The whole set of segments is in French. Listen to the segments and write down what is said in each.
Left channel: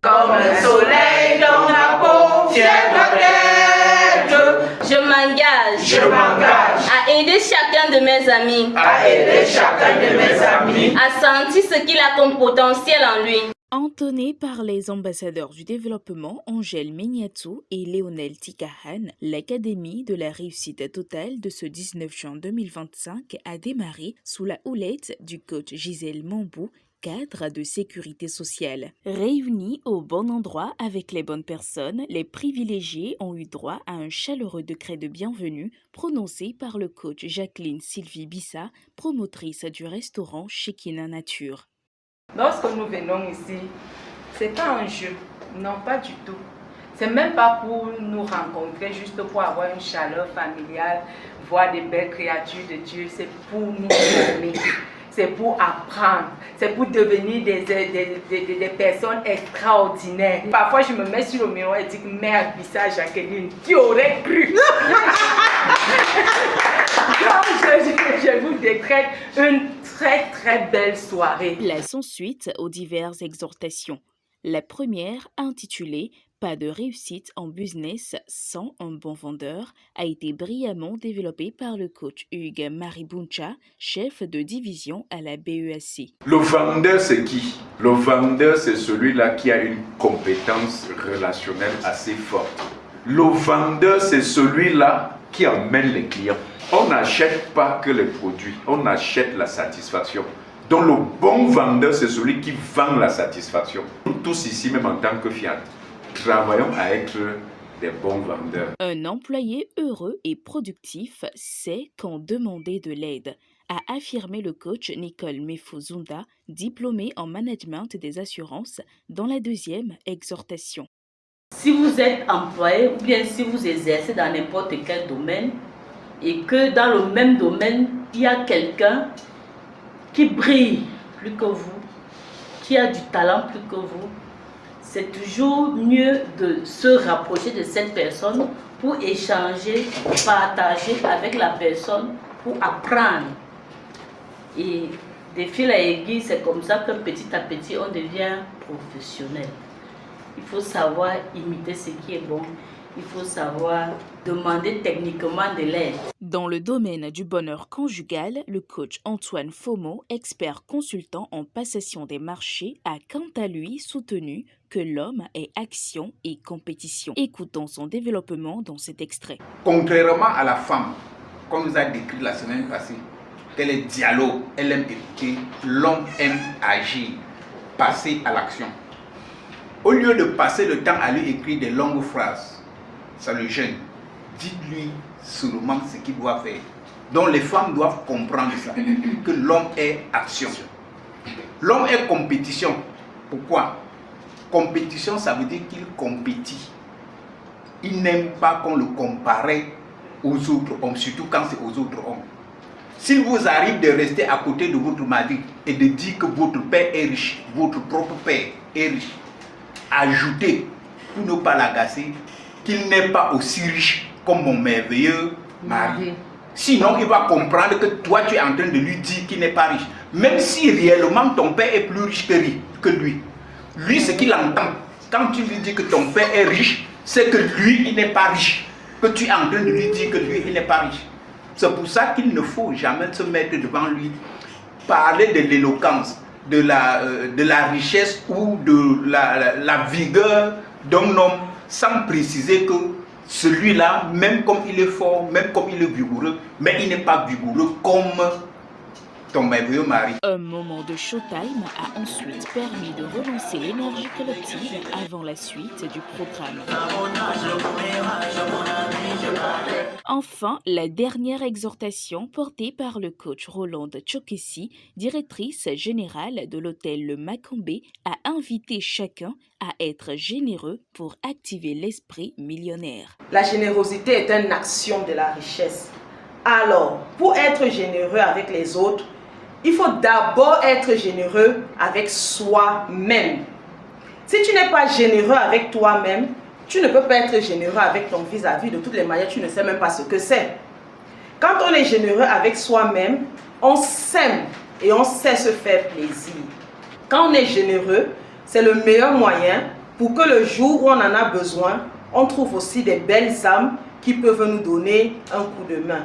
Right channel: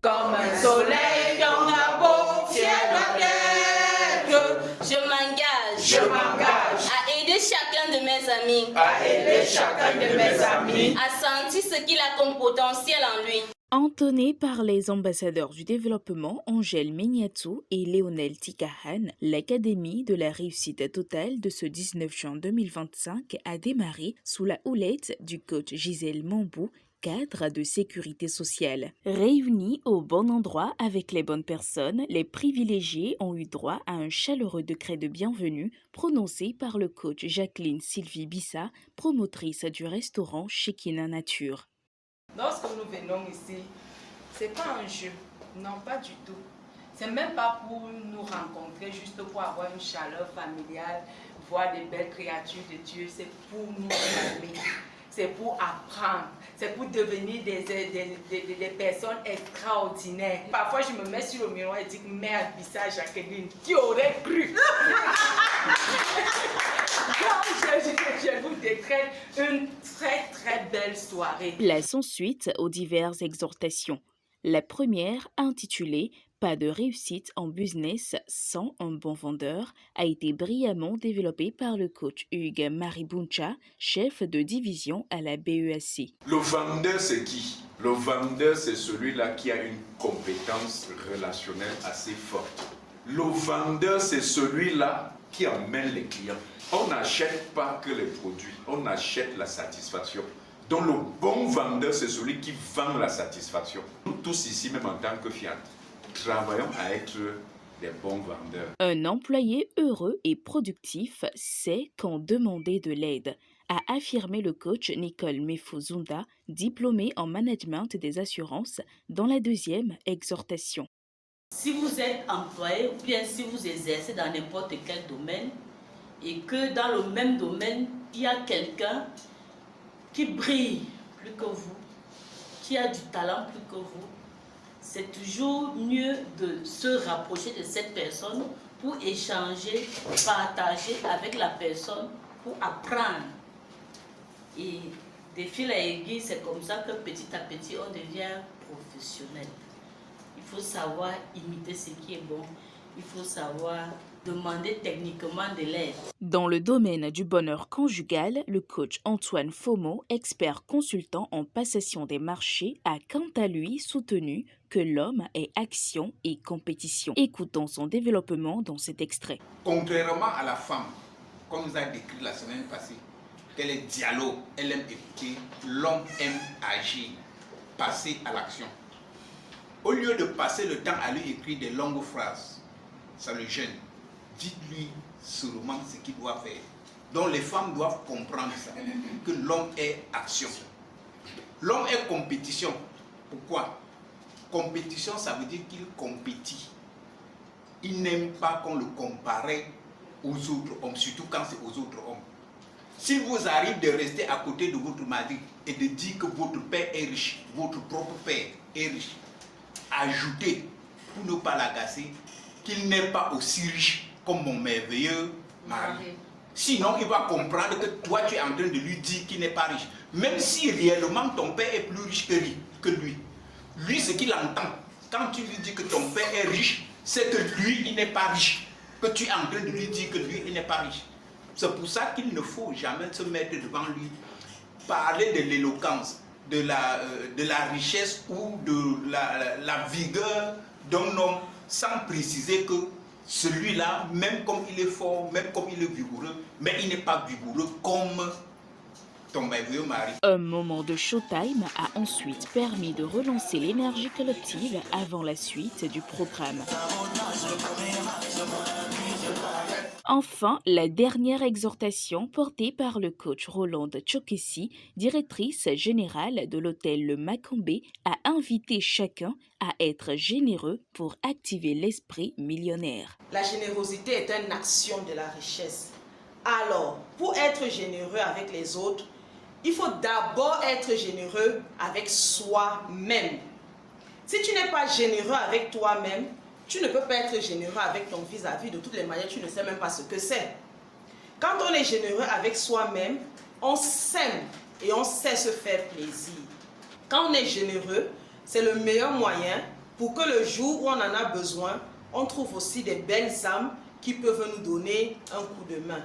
Comme un soleil dans la peau, fier de l'être. Je m'engage À aider chacun de mes amis. À sentir ce qu'il a comme potentiel en lui. Entonné par les ambassadeurs du développement Angèle Mignatou et Léonel Tikahan, l'Académie de la réussite totale de ce 19 juin 2025 a démarré sous la houlette du coach Gisèle Mambou, cadre de sécurité sociale. Réunis au bon endroit avec les bonnes personnes, les privilégiés ont eu droit à un chaleureux décret de bienvenue prononcé par le coach Jacqueline Sylvie Bissa, promotrice du restaurant Shekina Nature. Lorsque nous venons ici, c'est pas un jeu, non pas du tout. C'est même pas pour nous rencontrer, juste pour avoir une chaleur familiale, voir des belles créatures de Dieu. C'est pour nous aimer, c'est pour apprendre, c'est pour devenir des personnes extraordinaires. Parfois, je me mets sur le miroir et dis merde, Bissa Jacqueline, qui aurait cru? Je vous décrète une très belle soirée. Place ensuite aux diverses exhortations. La première, intitulée « Pas de réussite en business sans un bon vendeur », a été brillamment développée par le coach Hugues Maribuncha, chef de division à la BEAC. Le vendeur, c'est qui? Le vendeur, c'est celui-là qui a une compétence relationnelle assez forte. Le vendeur, c'est celui-là qui emmène les clients. On n'achète pas que les produits, on achète la satisfaction. Donc le bon vendeur, c'est celui qui vend la satisfaction. Nous tous ici, même en tant que Fiat, travaillons à être des bons vendeurs. Un employé heureux et productif sait quand demander de l'aide, a affirmé le coach Nicole Mefuzunda, diplômée en management des assurances, dans la deuxième exhortation. Si vous êtes employé ou bien si vous exercez dans n'importe quel domaine et que dans le même domaine, il y a quelqu'un qui brille plus que vous, qui a du talent plus que vous, c'est toujours mieux de se rapprocher de cette personne pour échanger, partager avec la personne, pour apprendre. Et de fil à aiguille, c'est comme ça que petit à petit, on devient professionnel. Il faut savoir imiter ce qui est bon. Il faut savoir demander techniquement de l'aide. Dans le domaine du bonheur conjugal, le coach Antoine Fomo, expert consultant en passation des marchés, a quant à lui soutenu que l'homme est action et compétition. Écoutons son développement dans cet extrait. Contrairement à la femme qu'on nous a décrit la semaine passée, qu'elle est dialogue, elle aime écouter, l'homme aime agir, passer à l'action. Au lieu de passer le temps à lui écrire des longues phrases, ça le gêne. Dites-lui seulement ce qu'il doit faire. Donc les femmes doivent comprendre ça, que l'homme est action. L'homme est compétition. Pourquoi? Compétition, ça veut dire qu'il compétit. Il n'aime pas qu'on le compare aux autres hommes, surtout quand c'est aux autres hommes. S'il vous arrive de rester à côté de votre mari et de dire que votre père est riche, votre propre père est riche, ajoutez, pour ne pas l'agacer, qu'il n'est pas aussi riche comme mon merveilleux mari. Sinon, il va comprendre que toi, tu es en train de lui dire qu'il n'est pas riche. Même si réellement ton père est plus riche que lui. Lui, ce qu'il entend, quand tu lui dis que ton père est riche, c'est que lui, il n'est pas riche. Que tu es en train de lui dire que lui, il n'est pas riche. C'est pour ça qu'il ne faut jamais se mettre devant lui, parler de l'éloquence, de la richesse ou de la vigueur d'un homme, sans préciser que celui-là, même comme il est fort, même comme il est vigoureux, mais il n'est pas vigoureux comme ton merveilleux mari. Un moment de showtime a ensuite permis de relancer l'énergie collective avant la suite du programme. Enfin, la dernière exhortation portée par le coach Rolande Tchokessi, directrice générale de l'hôtel Le Macambé, a invité chacun à être généreux pour activer l'esprit millionnaire. La générosité est une action de la richesse. Alors, pour être généreux avec les autres, il faut d'abord être généreux avec soi-même. Si tu n'es pas généreux avec toi-même, tu ne peux pas être généreux avec ton vis-à-vis. De toutes les manières, tu ne sais même pas ce que c'est. Quand on est généreux avec soi-même, on s'aime et on sait se faire plaisir. Quand on est généreux, c'est le meilleur moyen pour que le jour où on en a besoin, on trouve aussi des belles âmes qui peuvent nous donner un coup de main.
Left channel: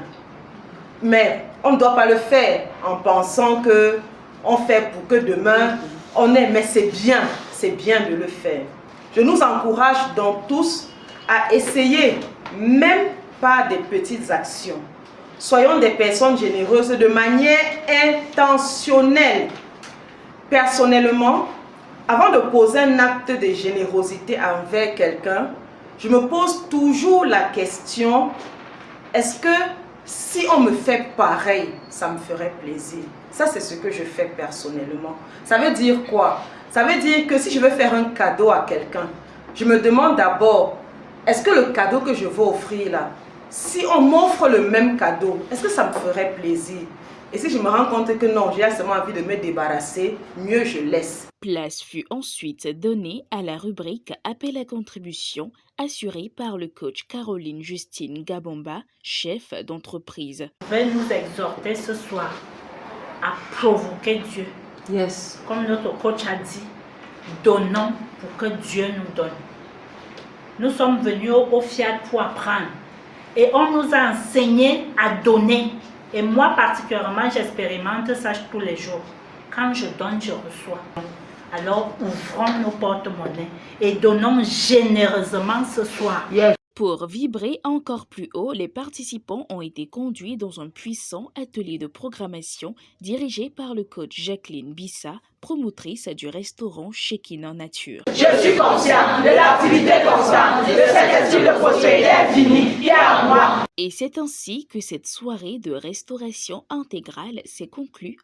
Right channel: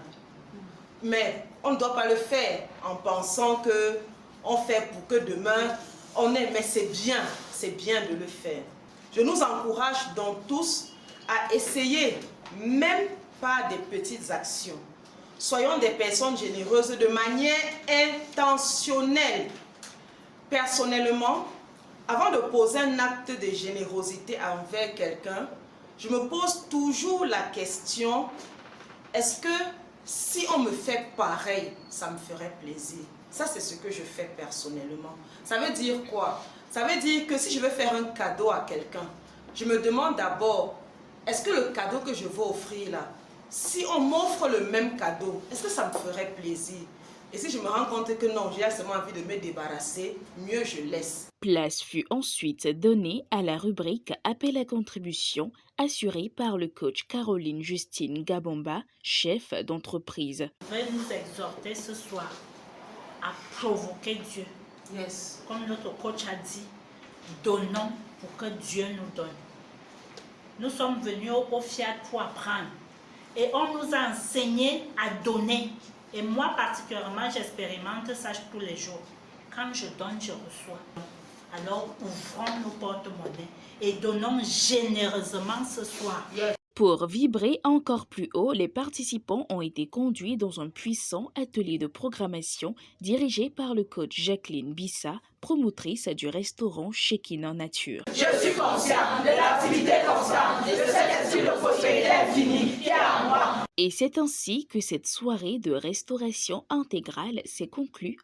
Mais on ne doit pas le faire en pensant que on fait pour que demain on ait, mais c'est bien de le faire. Je nous encourage donc tous à essayer, même par des petites actions. Soyons des personnes généreuses de manière intentionnelle. Personnellement, avant de poser un acte de générosité envers quelqu'un, je me pose toujours la question, est-ce que si on me fait pareil, ça me ferait plaisir? Ça, c'est ce que je fais personnellement. Ça veut dire quoi? Ça veut dire que si je veux faire un cadeau à quelqu'un, je me demande d'abord, est-ce que le cadeau que je veux offrir là, si on m'offre le même cadeau, est-ce que ça me ferait plaisir? Et si je me rends compte que non, j'ai seulement envie de me débarrasser, mieux je laisse. Place fut ensuite donnée à la rubrique Appel à contribution assurée par le coach Caroline Justine Gabomba, chef d'entreprise. Je vais nous exhorter ce soir à provoquer Dieu. Yes. Comme notre coach a dit, donnons pour que Dieu nous donne. Nous sommes venus au FIAT pour apprendre et on nous a enseigné à donner. Et moi particulièrement, j'expérimente ça tous les jours. Quand je donne, je reçois. Alors ouvrons nos porte-monnaies et donnons généreusement ce soir. Yes. Pour vibrer encore plus haut, les participants ont été conduits dans un puissant atelier de programmation dirigé par le coach Jacqueline Bissa, promotrice du restaurant Shekinah Nature. Je suis conscient de l'activité constante de cet esprit de prospérité infinie qui est en moi. Et c'est ainsi que cette soirée de restauration intégrale s'est conclue.